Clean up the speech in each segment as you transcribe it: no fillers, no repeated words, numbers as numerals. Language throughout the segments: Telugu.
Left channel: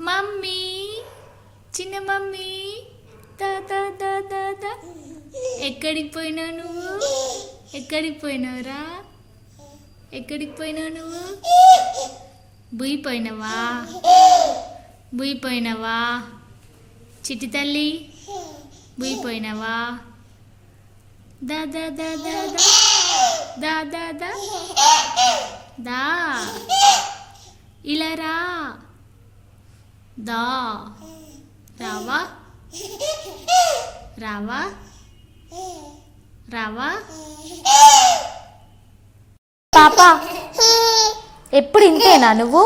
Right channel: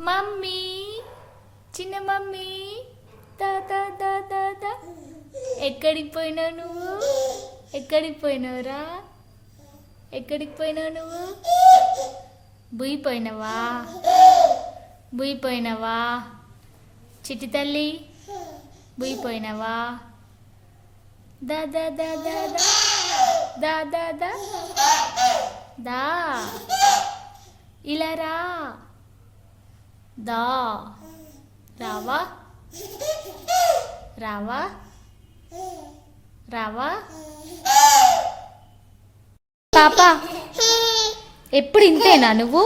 మమ్మీ చిన్న మమ్మీ తా తా తా తా తా. ఎక్కడికి పోయినావు నువ్వు? ఎక్కడికి పోయినావురా? ఎక్కడికి పోయినావు నువ్వు? బుయ్యిపోయినావా? బుయ్యిపోయినావా? చిట్టి తల్లి బుయ్యిపోయినావా? దా దా దా దా దా దా దా దా ఇలా రా. దా రావా? రావా? రావా? పాప ఎప్పుడు ఇంతేనా నువ్వు?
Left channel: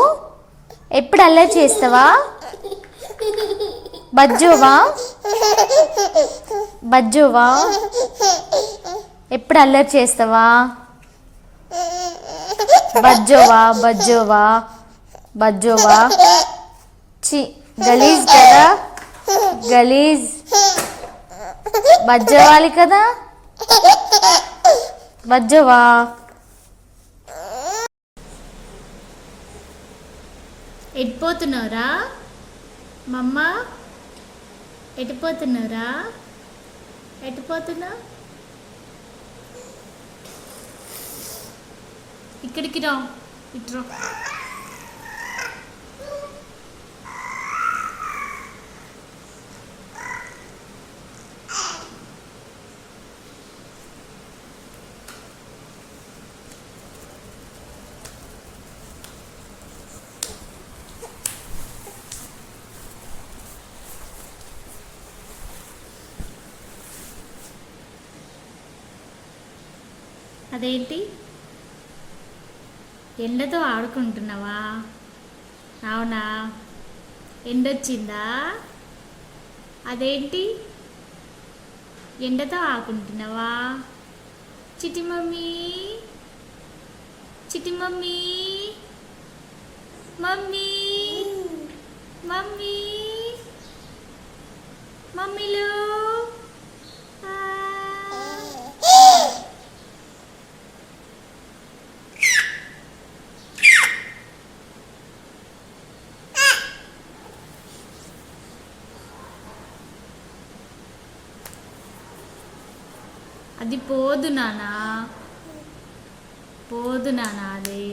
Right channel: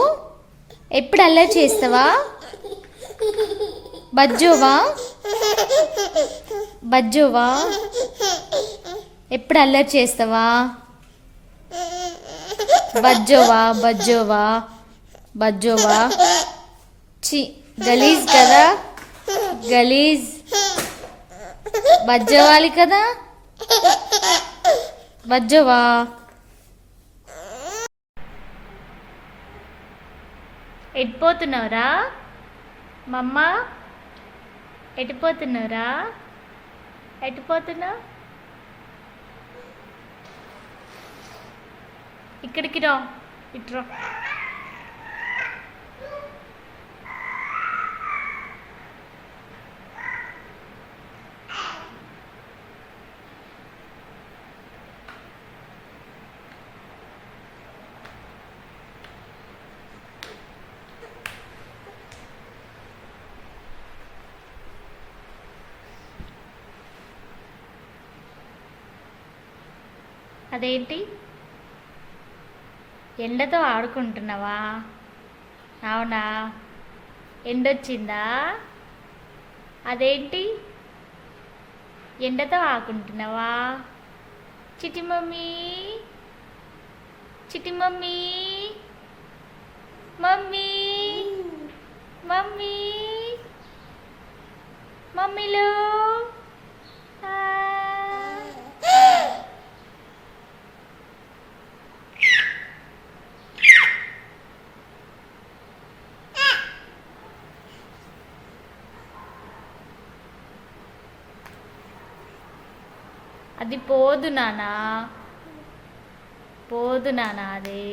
ఎప్పుడు అల్లరి చేస్తావా? బజ్జోవా? బజ్జోవా? ఎప్పుడు అల్లరి చేస్తావా? బజ్జోవా? బజ్జోవా? బజ్జోవా? చి గలీజ్ కదా, గలీజ్. బజ్జోవాలి కదా, బజ్జోవా? ఎటుపోతున్నావురా మమ్మ? ఎటుపోతున్నావురా? ఎటుపోతున్నావు? ఇక్కడికి రా, ఇట్రా. అదేంటి ఎండతో ఆడుకుంటున్నావా? అవునా, ఎండొచ్చిందా? అదేంటి ఎండతో ఆడుకుంటున్నావా? చిట్టి మమ్మీ, చిట్టి మమ్మీ, మమ్మీ, మమ్మీ, మమ్మీలో అది పోదు నానా, పోదు నానా అది.